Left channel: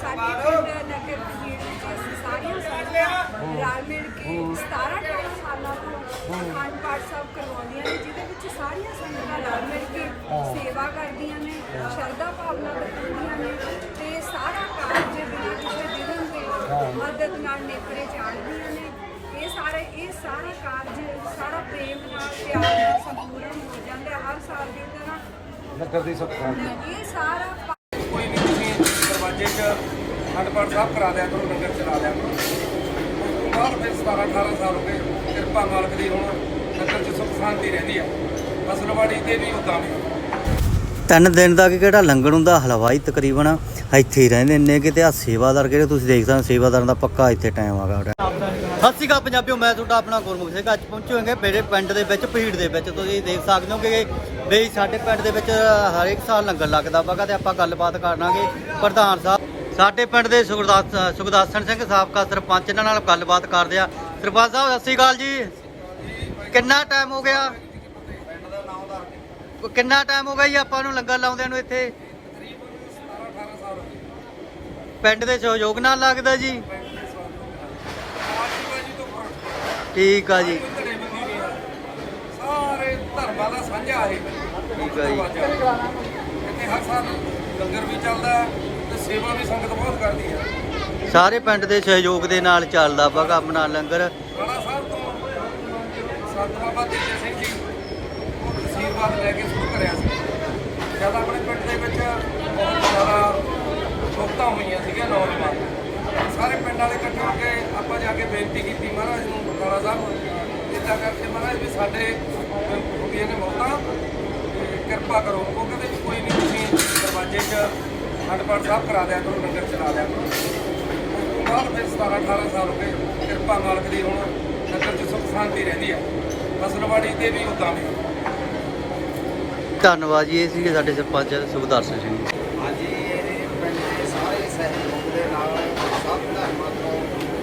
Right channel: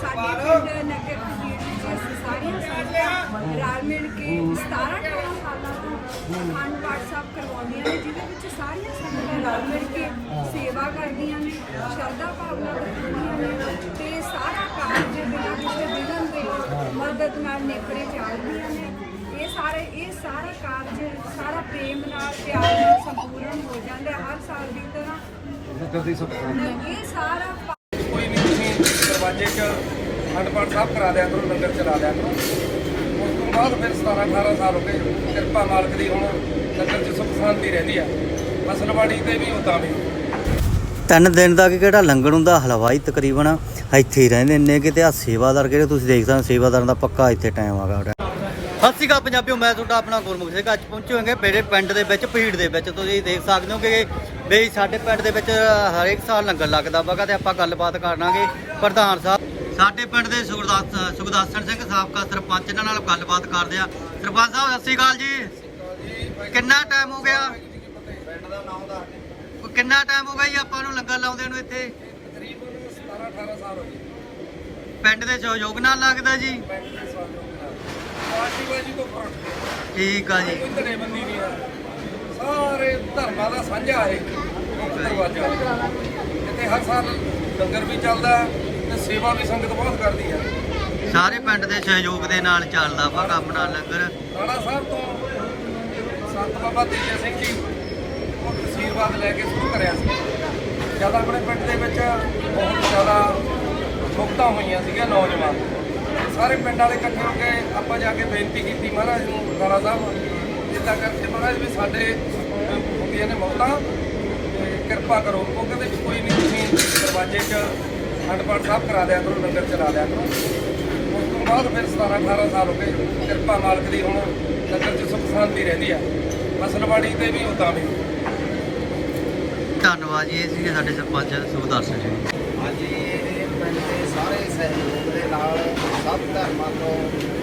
ਸਾਡੇ ਪਿੰਡ ਨਗਰ ਕਬੀਰ ਵਿੱਚ ਅਸੀਂ ਸਾਰੀਆਂ ਸੰਗਤਾਂ ਰਲ ਮਿਲ ਕੇ 17 18 ਸਾਲਾਂ ਤੋਂ ਅਖੰਡ ਪਾਠ ਸਾਹਿਬ ਕਰਵਾਉਂਦੀਆਂ ਨੇ ਜਿਹਦੇ ਵਿੱਚ ਸਾਰੀਆਂ ਸੰਗਤਾਂ ਰਲ ਮਿਲ ਕੇ ਸੇਵਾ ਕਰਦੀਆਂ ਨੇ ਸ਼ਰਧਾ ਭਾਵਨਾ ਦਿਖਾਉਂਦੀਆਂ ਨੇ ਤੇ ਸਾਰਾ ਕਾਰਜ ਬਿਨਾਂ ਕਿਸੇ ਵਿਘਨ ਦੇ ਮਦਦ ਨਾਲ ਨੇਪਰੇ ਚਾੜਦੀਆਂ ਨੇ। ਇਹ ਸਾਰੇ ਇਹ ਸਾਰਾ ਕਾਰਜ ਸਾਰਾ ਪ੍ਰੇਮ ਨਾਲ ਪਿਆਰ ਨਾਲ ਸੰਪੂਰਨ ਹੋ ਜਾਂਦਾ ਹਰ ਸਾਲ ਦੀ ਤਰ੍ਹਾਂ। ਇਹ ਸਾਰਾ ਦਰਵਾਜ਼ੇ 'ਚ ਅਖੰਡ ਸਾਹਿਬ ਕਰਾ ਦਿਆ ਕਰੋ ਲੰਗਰ ਚਲਾ ਦਿਆ ਕਰੋ। ਉਸ ਤੋਂ ਬਾਅਦ ਫਿਰ 17 18 ਸਾਲ ਹੋ ਗਏ ਕਿਰਪਾ ਮਾਲਕ ਦੀ ਹੁਣ ਨਗਰ 'ਚ ਸੁੱਖ ਸ਼ਾਂਤੀ ਰਹਿੰਦੀ ਆ। ਫਸਲਵਾੜੀ ਤੇ ਵੀ ਉਦਾਂ ਵੀ। ਤਿੰਨ ਦਿਨ ਦਾ ਕਿ ਕਿਹੜਾ ਲੰਗਰ ਹੁੰਦਾ? ਹਲਵਾਈ ਤਕਰੀਬਨ ਇੱਥੇ ਹੀ ਰਹਿੰਦੇ ਨੇ ਕਿਤੇ ਆ ਸੇਵਾਦਾਰ ਕਿਹੜੇ ਤੁਸੀਂ ਦੇਖ ਸਕਦੇ ਹੋ, ਸੇਵਾਦਾਰਾਂ ਦਾ ਪੱਕਾ ਇੱਥੇ ਟਾਈਮ ਆ ਗਿਆ ਸਤਿ ਸ਼੍ਰੀ ਅਕਾਲ ਪੰਜਾਬੀਓ, ਮੈਂ ਤੁਹਾਡਾ ਆਪਣਾ ਗੁਰਮੁਖ ਸਿੰਘ। ਅੱਜ ਪਹੁੰਚੇ ਹੋਏ ਮੇਰੇ ਪਿੰਡ ਦੇ ਵਿੱਚ, ਭੀੜ ਦੇ ਵਿੱਚ। ਤੁਸੀਂ ਦੇਖ ਸਕਦੇ ਹੋ ਕਿ ਬਈ ਸਾਡੇ ਪਿੰਡ ਦੇ ਵਿੱਚ ਹਰੇਕ ਸਾਲ ਲੰਗਰ ਲੱਗਦਾ ਵਗਾ ਤੇ ਆਪਾਂ ਗੱਲਬਾਤ ਕਰਾਂਗੇ ਪ੍ਰਧਾਨ ਸਾਹਿਬ, ਸਾਡੇ ਪਿੰਡ ਦੇ ਸੁਖਦਾਸ ਸੁਖਦਾਸਨ ਸਿੰਘ ਸਾਬਕਾ ਸਰਪੰਚ, ਇਹਨਾਂ ਨਾਲ ਗੱਲਬਾਤ ਕਰਦੇ ਆ। ਸਰਪੰਚ ਸਾਹਿਬ, ਸਤਿ ਸ਼੍ਰੀ ਅਕਾਲ ਜੀ। ਕਿੰਨਾ ਟਾਈਮ ਹੋ ਗਿਆ? ਪਿੰਡ ਦਾ ਨਾਮ ਦੱਸ ਕਿੰਨਾ ਟਾਈਮ ਹੋ ਗਿਆ ਜੀ ਆਪਾਂ ਨੂੰ ਲੰਗਰ ਲਾਉਂਦੇ ਨੂੰ ਇੱਥੇ? ਤਕਰੀਬਨ 17 18 ਸਾਲ ਪਿੰਡ ਦੇ ਸਹਿਯੋਗ ਨਾਲ ਲੱਗਦਾ ਜੀ ਪਿੰਡ ਦੇ ਸਹਿਯੋਗ ਨਾਲ ਪਾਰਟੀ ਬਾਜੀ ਤੋਂ ਫ਼ਰਕ ਪਿਆ ਠੀਕ ਆ ਜੀ। ਕੋਈ ਧੜੇਬੰਦੀ ਨਹੀਂ ਹੈ। ਸਾਰੇ ਧਰਮਾਂ ਦਾ ਸਾਂਝਾ ਇਹ ਦਰਵਾਜ਼ਾ। ਇੱਥੇ ਹਰ ਸਾਲ ਲੰਗਰ ਵੀ ਚੱਲਦਾ ਤੇ ਸੇਵਾ ਵੀ ਸੰਗਤ ਬਹੁਤ ਕਰਦੀ ਹੈ। ਸਾਰੇ ਪਿੰਡ ਦੇ ਸਹਿਯੋਗ ਦੇ ਨਾਲ ਚੱਲਦਾ ਵਾ ਨਾਲ ਲੰਗਰ। ਰਾਣਾ ਸਾਹਿਬ ਤੋਂ ਸੰਤ ਬਾਬਾ ਤੇਜੇ ਸਿੰਘ ਜੀ ਉਹ ਤਸੀਰਵਾਦ ਲੈ ਕੇ ਸ਼ੁਰੂ ਕਰਿਆ ਸੀ। ਜਦ ਆਪਣੇ ਪਿੰਡ ਦੇ ਵਿੱਚ ਬਹੁਤ ਜ਼ਿਆਦਾ ਮੁਕਤਾਂ ਹੋਈਆਂ ਸੀਗੀਆਂ ਨੌਜਵਾਨ। ਸਾਰੇ ਪਿੰਡ ਵਾਲੇ ਇਕੱਠੇ ਹੋ ਕੇ ਆਪਾਂ ਜਾ ਕੇ ਬੇਨਤੀ ਕੀਤੀ ਮਹਾਰਾਜ ਨੂੰ ਰਾਣਾ ਸਾਹਿਬ। ਇਦਾਂ ਕਰਕੇ ਮਹਾਰਾਜ ਵੀ ਸਾਡੇ ਹੁੰਦੀਆਂ ਨੇ ਮੌਤਾਂ ਤੇ ਕਿਰਪਾ ਕਰੋ ਉਹ ਕਹਿੰਦੇ ਵੀ ਕੋਈ ਨਹੀਂ ਤੁਸੀਂ ਦਰਵਾਜ਼ੇ 'ਚ ਪਾਠ ਸਾਹਿਬ ਕਰਾ ਦਿਆ ਕਰੋ ਲੰਗਰ ਚਲਾ ਦਿਆ ਕਰੋ। ਉਸ ਤੋਂ ਬਾਅਦ ਫਿਰ 17 18 ਸਾਲ ਹੋ ਗਏ ਕਿਰਪਾ ਮਾਲਕ ਦੀ ਹੁਣ ਨਗਰ 'ਚ ਸੁੱਖ ਸ਼ਾਂਤੀ ਰਹਿੰਦੀ ਆ। ਫਸਲਵਾੜੀ ਤੇ ਵੀ ਉਦਾਂ ਵੀ ਧੰਨਵਾਦ ਜੀ ਇਹ ਸੀਗੇ ਸਾਡੇ ਸਰਪੰਚ ਸੁਖਦਰਸ਼ਨ ਸਿੰਘ ਜੀ। ਹਾਂਜੀ ਇਹ ਪਿੰਡ ਦੇ ਸਾਰੇ ਸਹਿਯੋਗ ਦੇ ਨਾਲ ਸਭ ਧਰਮਾਂ ਤੋਂ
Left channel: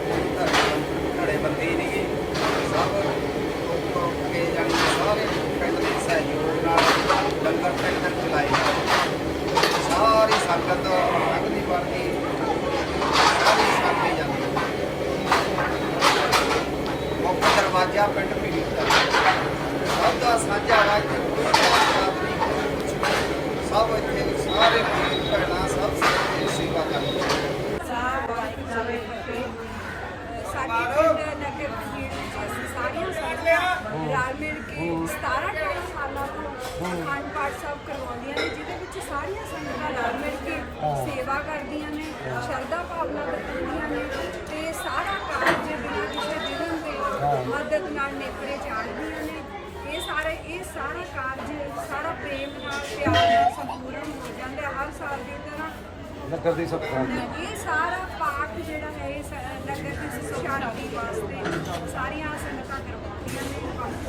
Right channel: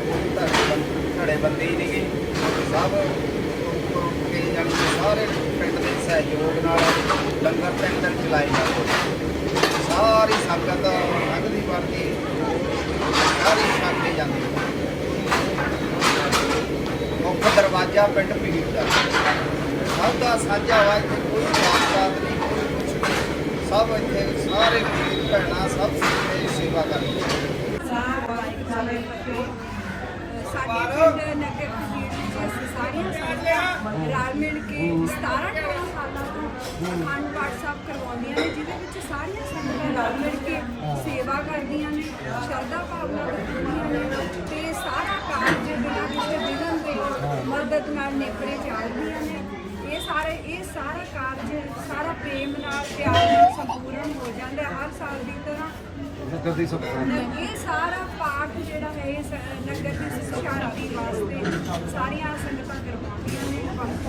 ਕੋਈ ਧਰਮ ਧੜੇਬੰਦੀ ਨਹੀਂ ਸਭ ਉੱਪਰ ਉੱਠ ਕੇ ਜਾਣੀ ਸਾਰੇ ਪਿੰਡ ਦੇ ਸਹਿਯੋਗ ਨਾਲ ਲੰਗਰ ਤਿੰਨ ਦਿਨ ਚਲਾਏ ਜਾਂਦੇ ਸਾਰੀ ਸੰਗਤ ਲੰਘਦੀ ਵਰਦੀ ਸਾਰੀ ਛੱਕ ਕੇ ਜਾਂਦੀ ਮੁੱਖ ਦਰਵਾਜ਼ਾ ਪਿੰਡ ਭੀੜ ਦਾ। ਸਭ ਦਾ ਸਾਂਝਾ ਵਾ ਇੱਥੇ, ਕੋਈ ਜਾਤ ਨਹੀਂ, ਕੋਈ ਕੁਛ ਨਹੀਂ। ਸਭ ਇੱਥੇ, ਸਾਰੇ ਵੀਰ ਭੈਣਾਂ ਸਭ ਸੇਵਾ ਕਰਦੇ ਸੇਵਾ ਕਰਦੇ ਸਾਡੇ ਪਿੰਡ ਨਗਰ ਕਬੀਰ ਵਿੱਚ ਅਸੀਂ ਸਾਰੀਆਂ ਸੰਗਤਾਂ ਰਲ ਮਿਲ ਕੇ 17 18 ਸਾਲਾਂ ਤੋਂ ਅਖੰਡ ਪਾਠ ਸਾਹਿਬ ਕਰਵਾਉਂਦੀਆਂ ਨੇ, ਜਿਹਦੇ ਵਿੱਚ ਸਾਰੀਆਂ ਸੰਗਤਾਂ ਰਲ ਮਿਲ ਕੇ ਸੇਵਾ ਕਰਦੀਆਂ ਨੇ, ਸ਼ਰਧਾ ਭਾਵਨਾ ਦਿਖਾਉਂਦੀਆਂ ਨੇ ਤੇ ਸਾਰਾ ਕਾਰਜ ਬਿਨਾਂ ਕਿਸੇ ਵਿਘਨ ਦੇ ਮਦਦ ਨਾਲ ਨੇਪਰੇ ਚਾੜਦੀਆਂ ਨੇ। ਇਹ ਸਾਰੇ, ਇਹ ਸਾਰਾ ਕਾਰਜ, ਸਾਰਾ ਪ੍ਰੇਮ ਨਾਲ, ਪਿਆਰ ਨਾਲ ਸੰਪੂਰਨ ਹੋ ਜਾਂਦਾ ਹਰ ਸਾਲ ਦੀ ਤਰ੍ਹਾਂ ਨਗਰ ਦੀ ਸੁੱਖ ਇਹ ਸਾਰਾ ਪਾਠ ਜਿਹੜਾ ਹੈ, ਇਹ ਸ- ਨਗਰ ਦੀ ਸੁਖ ਵਾਸਤੇ ਸਾਰੀਆਂ ਸੰਗਤਾਂ ਕਰਵਾਉਂਦੀਆਂ ਨੇ ਪੰਜ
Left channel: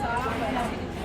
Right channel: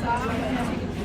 ਸਾਰਾ।